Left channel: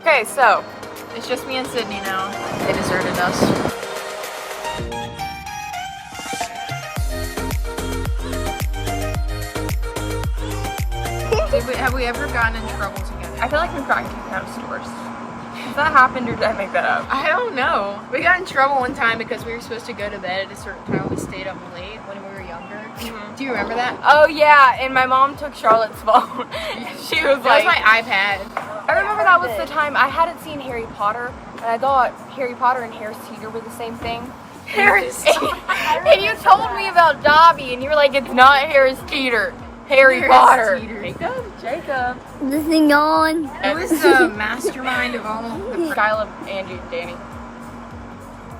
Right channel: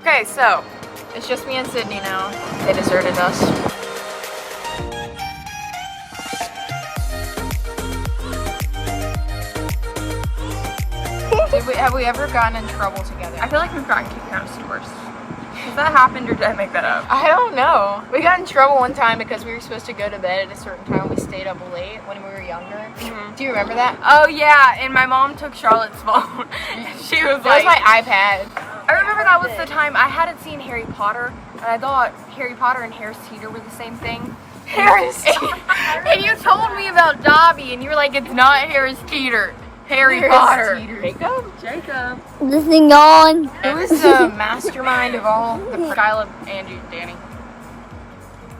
Okay, so it's just me and Sydney now. They deserted us. Have we ever gotten in trouble together? I feel like we've gotten kicked out of stores. Has that happened or did I make that up? I don't know. We got in trouble one time because we were supposed to go to bed at a certain time. We stayed up late when we were younger. Mm-hmm. Do you remember that? Oh yeah, and my mom took Charlotte's phone. She was like... That was my iPad. I remember that was the time I hadn't seen Harry Potter, and I thought Harry Potter and Harris Teeter were the same thing. And you told me about Dobby, and you were like, it's not Harris Teeter. Harry Potter. Jacob. This thing on. Who is the mastermind of all the Skyla, Angie, and Danny.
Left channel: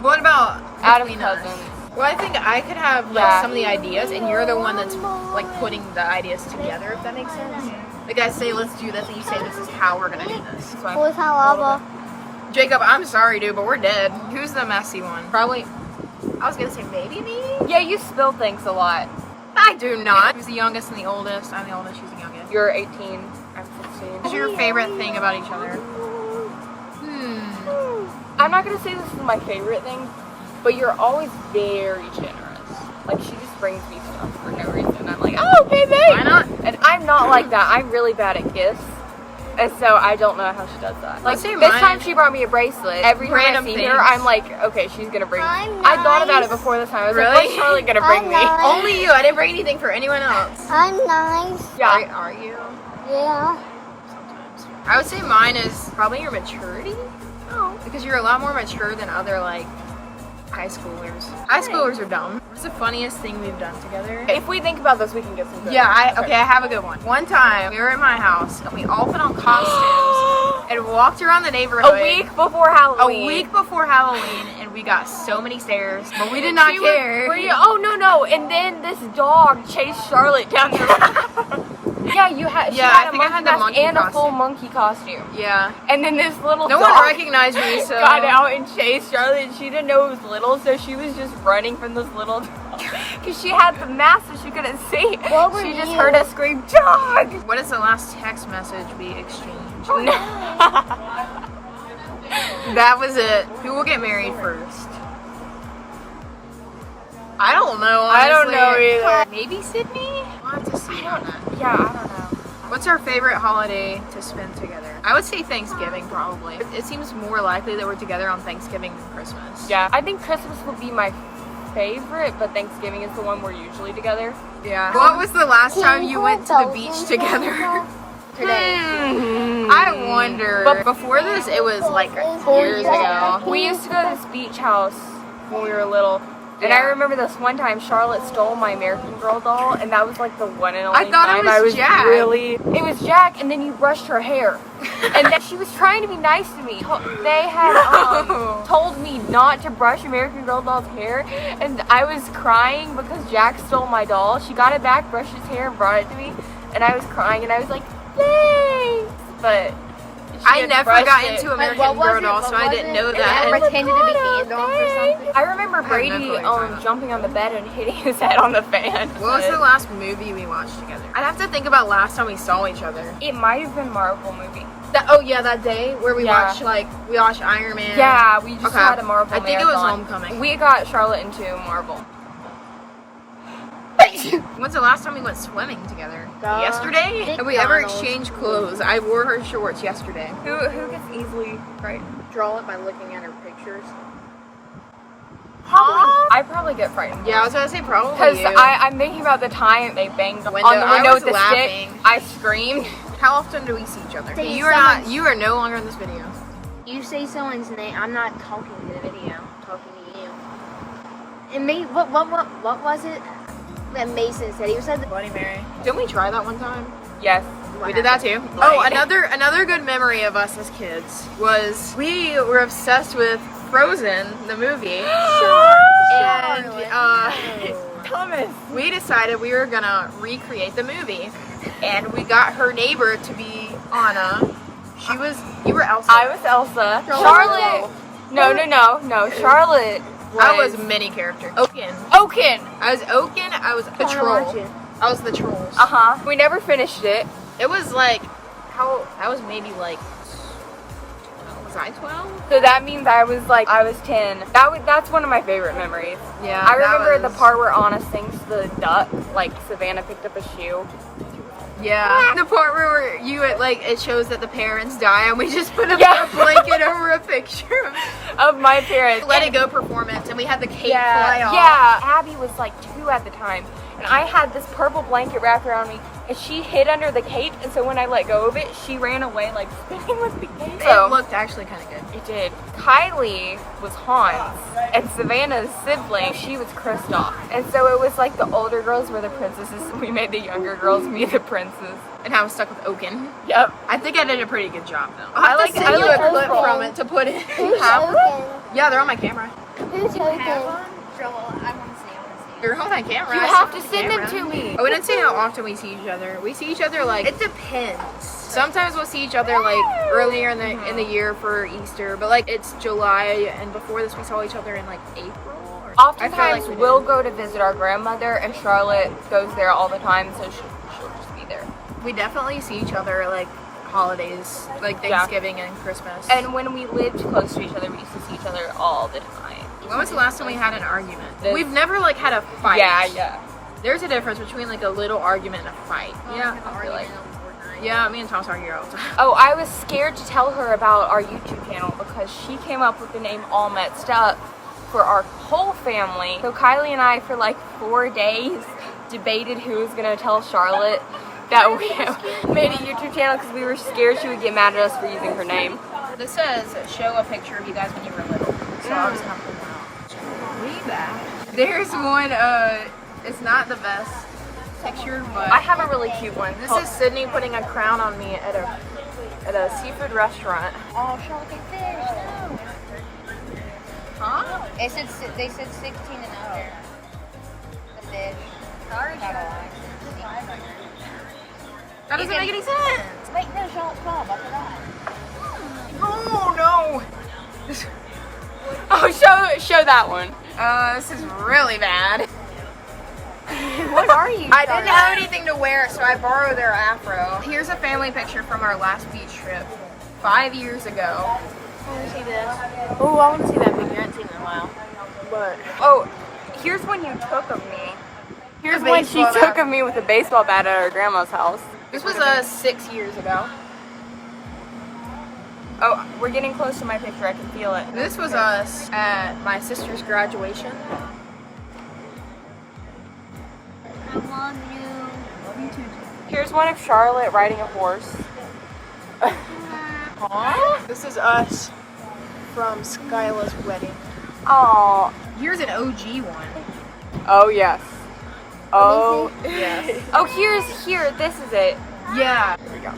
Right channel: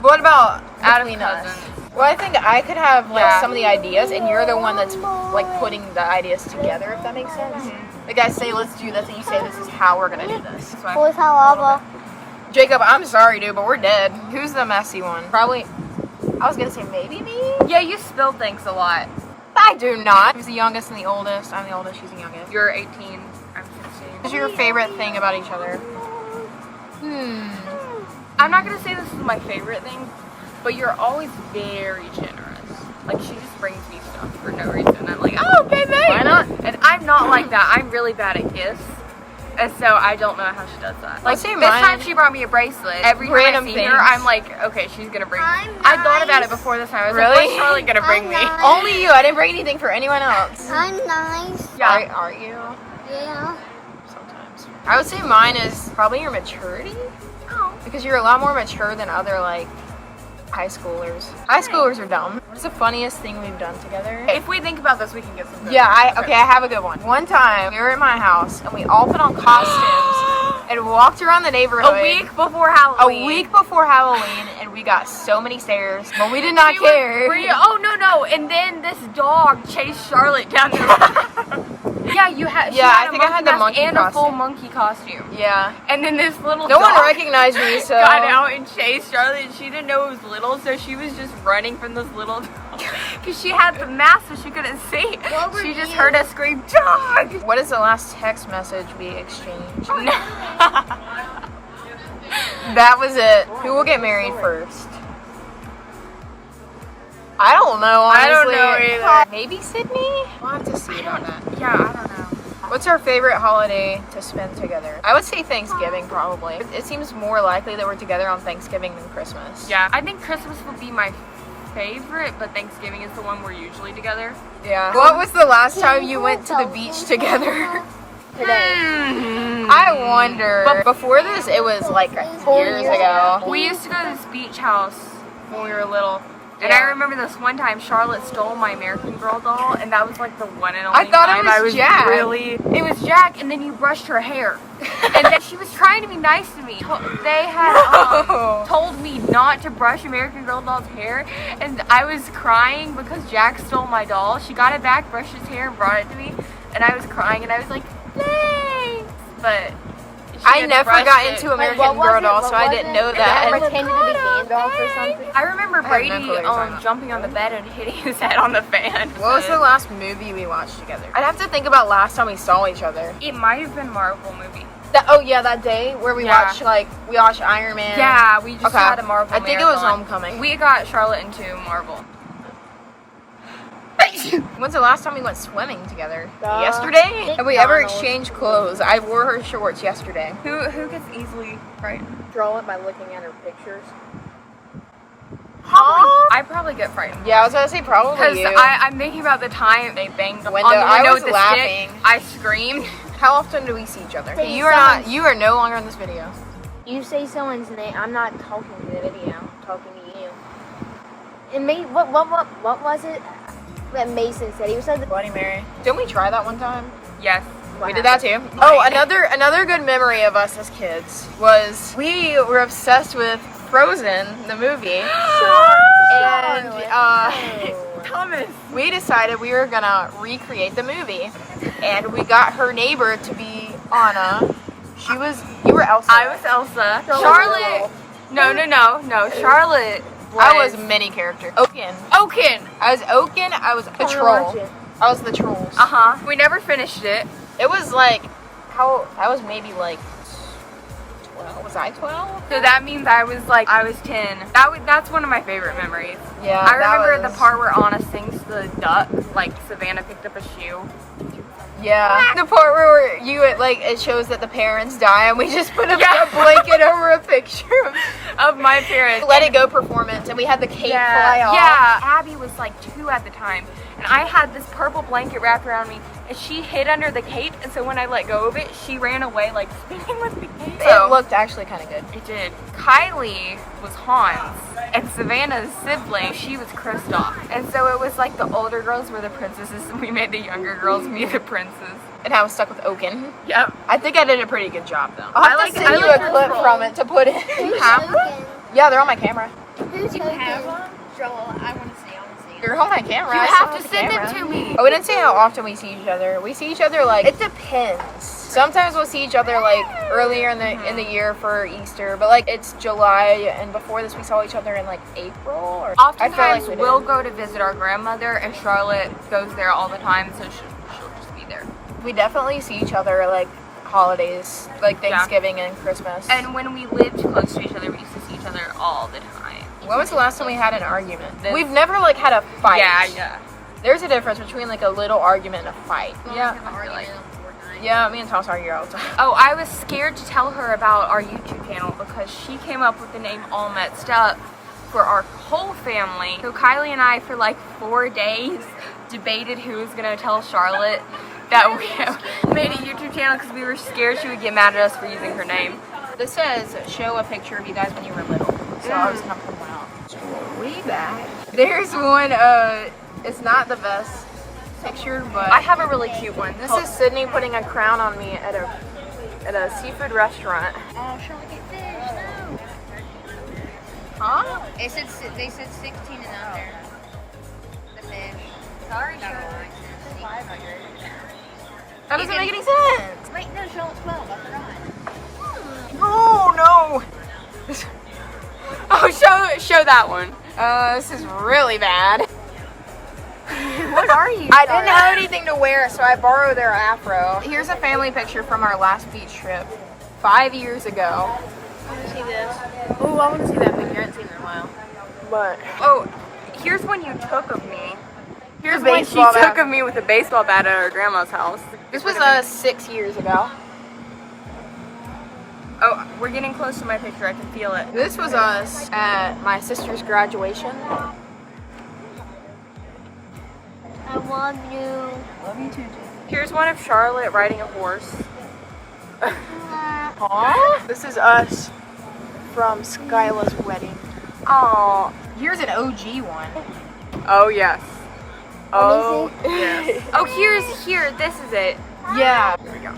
What about Out of between us? cousins. Well, I think I could have like Yeah. some of the ideas, and you're the one that's like putting the ideas together, if that makes sense. Like I say, let's do this, and you say, this is how we're gonna do this. That's why Who's a how little lava? bit. Jacob, I'm sorry, dude, but we're dead. Who's the messy one? Probably. I was gonna say maybe me. Yeah, you spill things a lot. I do not. Who's the youngest and the oldest? I'm the oldest. She's the youngest. You're 18, I'm 16. What's your favorite thing about each other? I'm not gonna say this is my favorite thing, but you're always very generous. Like, she just brings me stuff for no reason. I'm like, oh, okay, thanks. Why not? And I'm not like that. I'm really bad at gifts. And so I don't know how she does that. Like, say this mine. time she brought me a bracelet. Every time I Random see things. her, I'm like, okay, she's gonna bring me. I'm I thought about it nice. before this time. I was Really? like, what's Charlie gonna bring I'm me? nice. Only you. I didn't bring anything for anyone else. I'm nice. Yeah. Are you? Yeah. Sometimes. I would say mine is probably your maturity. Oh. Because you're a lot more mature than other, like, high schoolers. High schoolers are dumb. What's the funniest thing we've done together? If we think about this, we can get some good Yeah, ones. I have a good one. One time, we were in my house, and we all put on costumes and walked around the neighborhood. A week before Halloween. A week before Halloween, and we got so many stares, but we did not She was- care. were you- oh, no. And then this dog chased Charlotte down the road. Yeah, she Yeah, I had a think I monkey had the mask monkey and a full costume. monkey costume. Yeah. And then this little No dog one recognized me, so. got out and chased Charlotte, and she didn't know it was little, so she was just running from this little dog. Because she had the mask, so she couldn't see. What were She just you? heard us scream, dog! What is the last text message we exchanged? That was it. Who will get married first? I don't know, honestly. I don't know either. Maybe Sydney? We'll have to see on that. Yeah, I don't know. What's our favorite holiday to spend together? I would say Thanksgiving, probably. It seems more likely that we're together on Thanksgiving than Christmas. Yeah, I think Christmas would be my favorite, but Thanksgiving is the one we're usually together. Yeah. What was the last time you went to the beach together? I wonder. But before this, it was like years ago. We used to go to this beach house when we were little. And I remember this one time Charlotte stole my American Girl doll, and that was like the one and only I thought it time was I was Jack. really... It was Jack, and then you brushed her hair. And then she was trying to be nice to me. They had No. told me not to brush American Girl doll's hair, and I was crying because Jack stole my doll. She got it back, brushed his hair, and brought it to me, and I was crying, and I was like, thanks! But... I never got into American Girl doll, so I didn't know I that. pretended to be Gandalf or something. I remember no Brady clue what you're talking about. jumping on the bed and hitting his head on the fan. What was the last movie we watched together? I'd have to think about last time we saw each other. It might have been Marvel movie. Oh yeah, that day where we Yeah. watched Iron Man. Yeah, we just Okay. had a Marvel I think marathon. it was Homecoming. We got Charlotte into Marvel. When's the last time we went swimming together? Duh. Yesterday? Have we ever McDonald's. exchanged clothes? I wore her shorts yesterday. Who gets easily frightened? Draw it by looking at her pictures. I probably get frightened. Yeah, I was gonna say probably Because you. I'm thinking about the time they banged Window. on the I window was with the laughing. stick. I screamed. How often do we see each other? Say You are something. you are no longer in this video. You say someone's name. I'm not talking to the video. I'm talking to you. And me, what was it that Mason said? He said, Bloody Mary. Didn't we try that one time? Yes. We did that too. Oh, another good memory of us as kids was we were obsessed with Frozen, the movie. And Thomas. we decided we were gonna recreate the movie, and we got her neighbor to be Anna. You were Elsa. I was Elsa. Charlotte. No. Charlotte I was many characters. Oaken. Oaken. I was Oaken. I was the troll. I was the trolls. We never finished it. It was like I was maybe like 12. Was I 12? So that means I was 10. That's one of my favorite memories. Yeah. I remember the part where Anna sings the duck, like Savannah picked up a shoe. Yeah. The part where it shows that the parents die and we just put a Yeah. blanket over a picture Of my parents. Let It Go performance, and we had the cake fly off. Yeah. Abby was like 2 at the time, and I had this purple blanket wrapped around me, and she hid under the cape, and so when I let go of it, she ran away like spinning with the cape. It looked actually kind of good. It did. Kylie was Hans, and Savannah's sibling, she was Kristoff. And so it was like the older girls were the princesses, and we made the younger girls be the princes. And I was stuck with Oaken. Yep. I think I did a pretty good job though. I like a your clip scroll. from it to put in. You have them? Yeah, they're on my camera. Who's You have them? Joel, I want to see. They're on my camera. You I have saw to the send them camera. to me. I wouldn't say how often we see each other. We see each other it depends. Sometimes we'll see each other earlier in the year for Easter, but it's July, and before this we saw each other in April. Or Oftentimes we'll go to visit our grandmother, and Charlotte goes there all the time, so she'll just be there. We definitely see each other holidays, Thanksgiving and Christmas. And when we lived close to each other, we used to see each other all the time. When was the last time we had an argument? We've never had a fight. Yeah. There's a difference between a little argument and a fight. Yeah, I feel like. Yeah, me and Thomas argue all the time. Oh, I was scared to tell her about our YouTube channel because she came up with the name All Metz'd Up for our whole family. So Kylie and I, for 4 days, debated who was gonna tell Charlotte that we made a YouTube channel because we were scared she would get mad at us for using her name. This says, show a picture of you guys when you were little. So I was coming out. Way back. There's one, it's not the best picture, but I have a really cute one. this is Sydney putting a crown on me at a seafood restaurant. Oh, Charlotte the fish, no. Huh? They said 16 and up. The fish. Sorry, Charlotte. That doesn't make any sense. Wait, no, Charlotte 12. I forgot. Oh no. Oh, show that one. This is really bad. What are you? I didn't have anything to wear, so I borrowed their afro. Here's a family picture from our last beach trip 5 years ago. I want to see this. Oh, I want to see that picture. I haven't seen it in a while. But Oh, here's one you took of me. Here's The one she baseball took bat. of me with a baseball bat at our grandma's house. this was 6 years ago. Oh, we're getting close to my picture. I can feel it. This was us at my sister's graduation. I love you. Here's one of Charlotte riding a horse. Aww. This is us from Skyla's wedding. Oh, Here's an OG one. oh yes. Oh Let me yeah. Oh, here. This is it. Yeah. Here we go.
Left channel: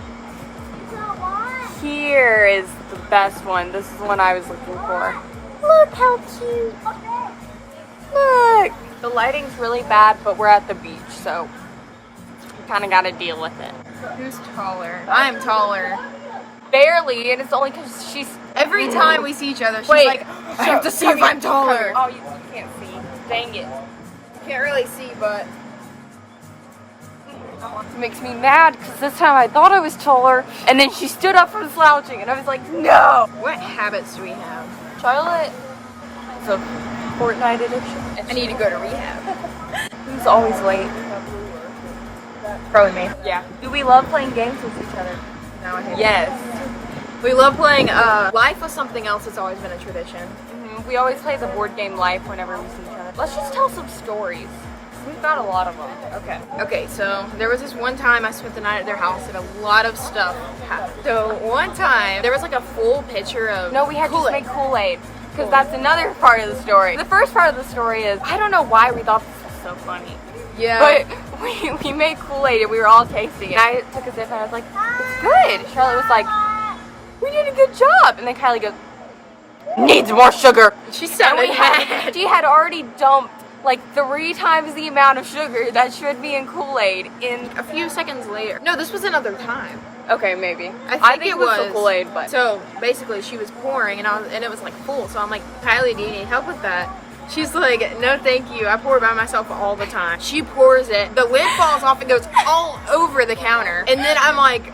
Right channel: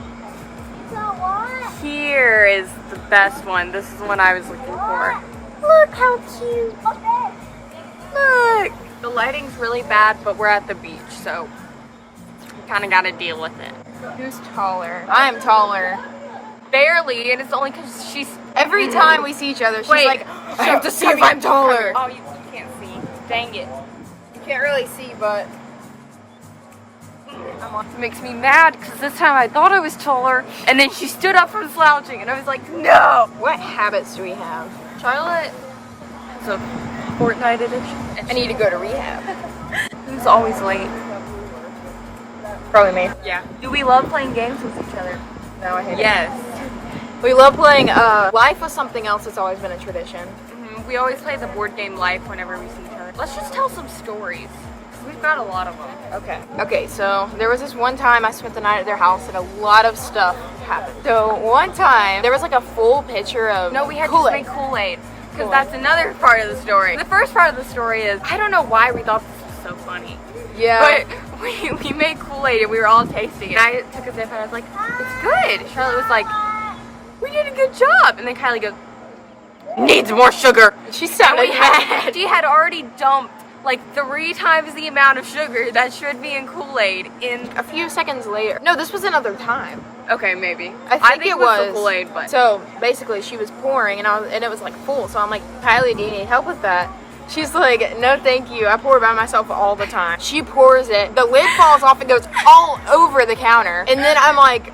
Here is the best one. This is the one I was looking for. Look how cute. Look. The lighting's really bad, but we're at the beach, so we kind of got to deal with it. Who's taller? I'm taller. Barely, and it's only because she's... Every time we see each other, she's Wait, like, I have to see if I'm Come taller. here. Oh, you can't see. Dang it. You can't really see, but It makes me mad because this time I thought I was taller, and then she stood up from slouching, and I was like, no! what habits do we have? Charlotte is a Fortnite addiction, and I need to go to rehab. who's always late. Probably me. Yeah. Do we love playing games with each other? No, I hate Yes. it. We love playing Life was something else that's always been a tradition. We always play the board game Life whenever we see each other. Let's just tell some stories. We've got a lot of them. Okay, so there was this one time I spent the night at their house and a lot of stuff happened. So one time, there was a full pitcher of No, we had to Kool-Aid. make Kool-Aid. Because Kool-Aid. that's another part of the story. The first part of the story is, I don't know why we thought this was so funny. Yeah. But we made Kool-Aid and we were all tasting it. And I took a sip and I was like, it's good. Charlotte was like, we did a good job. And then Kylie goes, needs more sugar. she And sounded mad. she had already dumped 3 times the amount of sugar that should be in Kool-Aid in... A few seconds later. No, this was another time. Okay, maybe. I think it it was was. the Kool-Aid, but... So basically, she was pouring, and it was full. So I'm like, Kylie, do you need help with that? She's like, no, thank you. I pour by myself all the time. She pours it. The lid falls off and goes all over the counter. And then I'm like,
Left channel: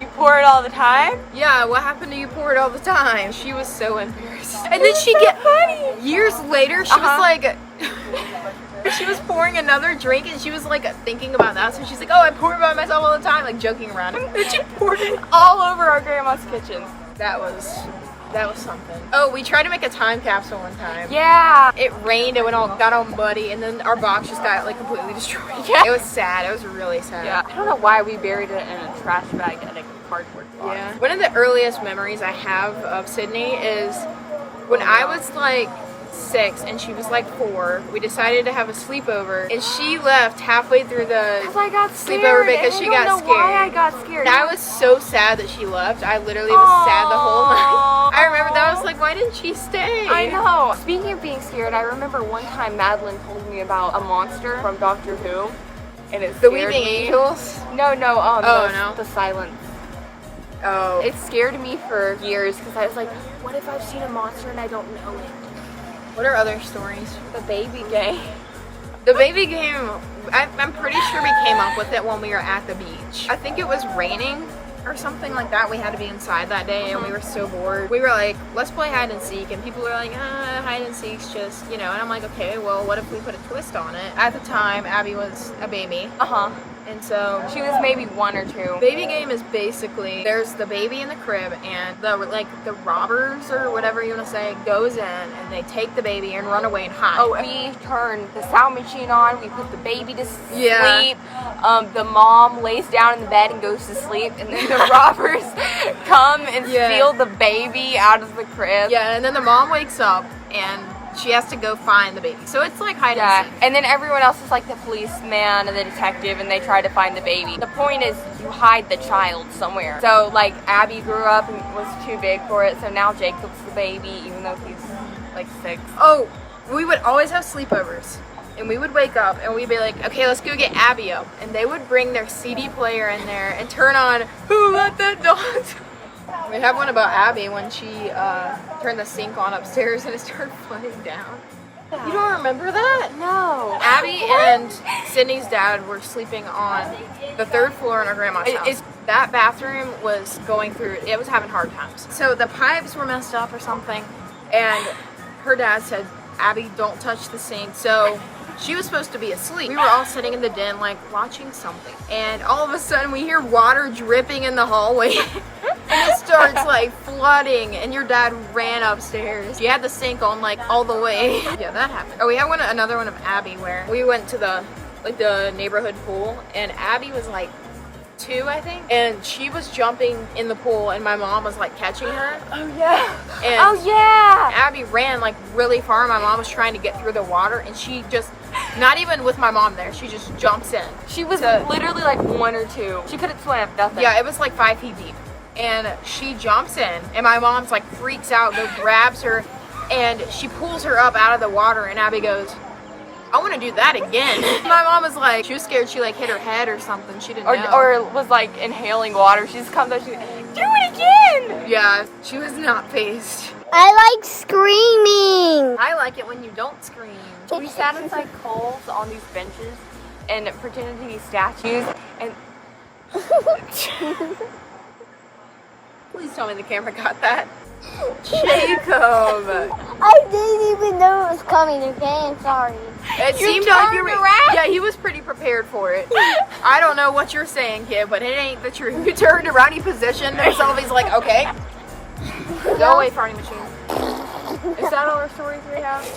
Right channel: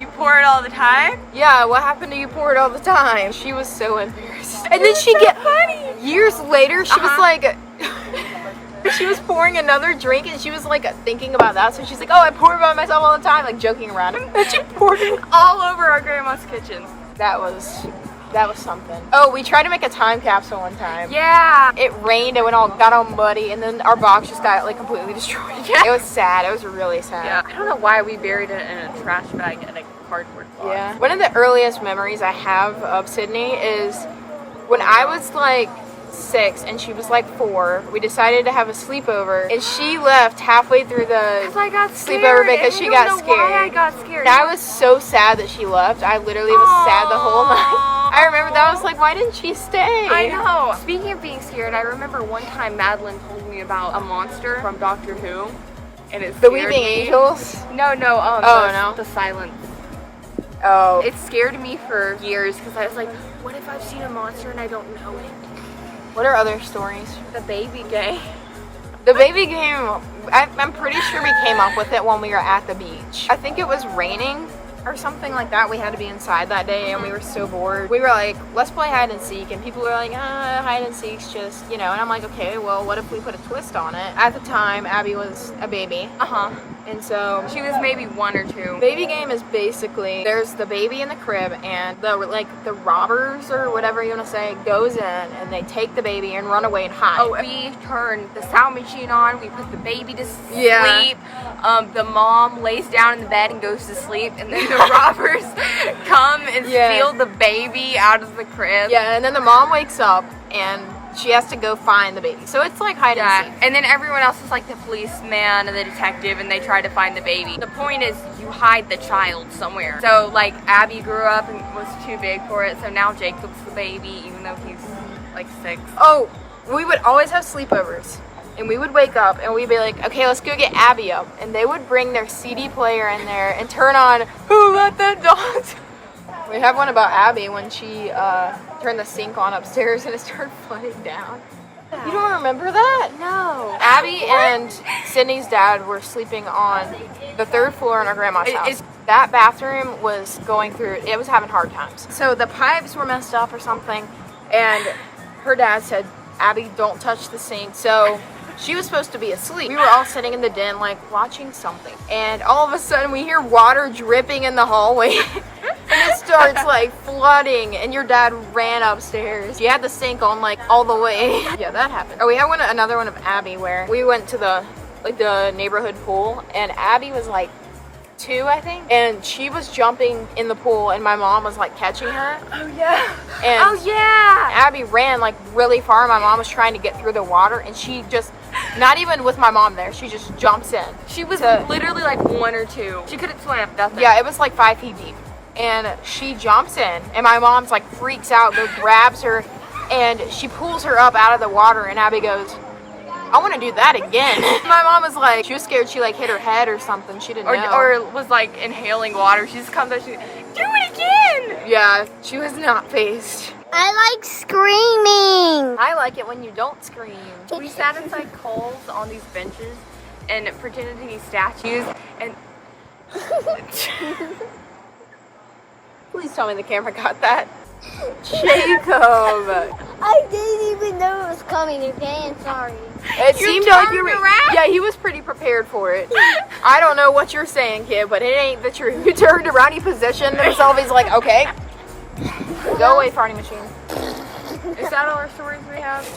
You pour it all the time? Yeah, what happened to you pour it all the time? She was so embarrassed. And then she get funny. years later, she was like, she was pouring another drink and she was like thinking about that. So she's like, oh, I pour it by myself all the time, like joking around. And she poured it all over our grandma's kitchen. That was something. Oh, we tried to make a time capsule one time. Yeah. It rained, it got all muddy, and then our box just got like completely destroyed. Yeah. It was sad. It was really sad. Yeah. I don't know why we buried it in a trash bag and a cardboard box. Yeah. One of the earliest memories I have of Sydney is when I was like 6 and she was like 4. We decided to have a sleepover, and she left halfway through the because I got scared. sleepover because she got I don't know why I got scared. That was so sad that she left. I literally was sad the whole night. I remember that. I was like, why didn't she stay? I know. Speaking of being scared, I remember one time Madeline told me about a monster from Doctor Who, and it scared me. Angels? No, no. The silence. Oh. It scared me for years because I was like, what if I've seen a monster and I don't know it? What are other stories? The baby game. The baby game, I'm pretty sure we came up with it when we were at the beach. I think it was raining or something like that. We had to be inside that day and we were so bored. We were like, let's play hide and seek, and people were like, hide and seek's just, you know, and I'm like, okay, well, what if we put a twist on it? At the time, Abby was a baby. And so she was maybe 1 or 2. Baby game is basically, there's the baby in the crib, and the robbers or whatever you want to say goes in and they take the baby and run away and hide. Oh, we turn the sound machine on, we put the baby to sleep. The mom lays down in the bed and goes to sleep, and then the robbers come and steal the baby out of the crib. Yeah, and then the mom wakes up and she has to go find the baby. So it's like hide and seek. And then everyone else is like the policeman and the detective, and they try to find the baby. The point is you hide the child somewhere. So like Abby grew up and was too big for it, so now Jacob's the baby, even though he's like 6. Oh, we would always have sleepovers. And we would wake up and we'd be like, okay, let's go get Abby up. And they would bring their CD player in there and turn on Who Let the Dogs. We have one about Abby when she turned the sink on upstairs and it started flooding down. You don't remember that? No. Abby and Sydney's dad were sleeping on the 3rd floor in our grandma's house. That bathroom was it was having hard times. So the pipes were messed up or something, and her dad said, Abby, don't touch the sink. So she was supposed to be asleep. We were all sitting in the den, like, watching something. And all of a sudden, we hear water dripping in the hallway. And it starts, like, flooding. And your dad ran upstairs. He had the sink on, like, all the way. Yeah, that happened. Oh, we had another one of Abby where we went to the neighborhood pool. And Abby was, like, 2, I think. And she was jumping in the pool. And my mom was, like, catching her. Oh, yeah. And Abby ran, like, really far. My mom was trying to get through the water. And she just... Not even with my mom there, she just jumps in. She was literally like 1 or 2. She couldn't swim, nothing. Yeah, it was like 5 feet deep. And she jumps in, and my mom's like freaks out, go grabs her, and she pulls her up out of the water, and Abby goes, I want to do that again. My mom was like, she was scared she like hit her head or something, she didn't know. Or was like inhaling water, she just comes out, she goes, do it again! Yeah, she was not phased. I like screaming. I like it when you don't scream. We sat inside Kohl's on these benches and pretended to be statues, and please tell me the camera got that. Jacob. I didn't even know it was coming, okay? I'm sorry. It seemed like you were around. Yeah, he was pretty prepared for it. I don't know what you're saying, kid, but it ain't the truth. You turned around, he positioned himself, he's like, okay. Go away, farting machine. Is that all our stories we have?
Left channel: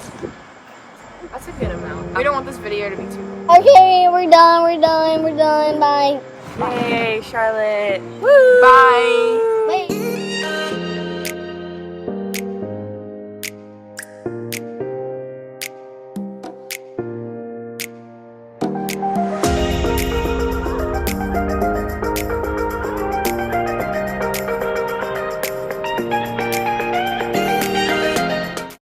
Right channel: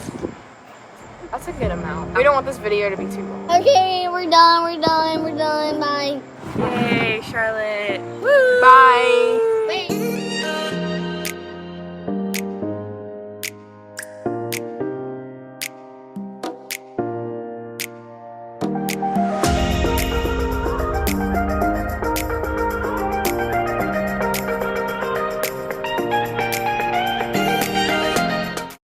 That's a good amount. We don't want this video to be too long. Okay, we're done, bye. Hey, Charlotte. Woo. Bye.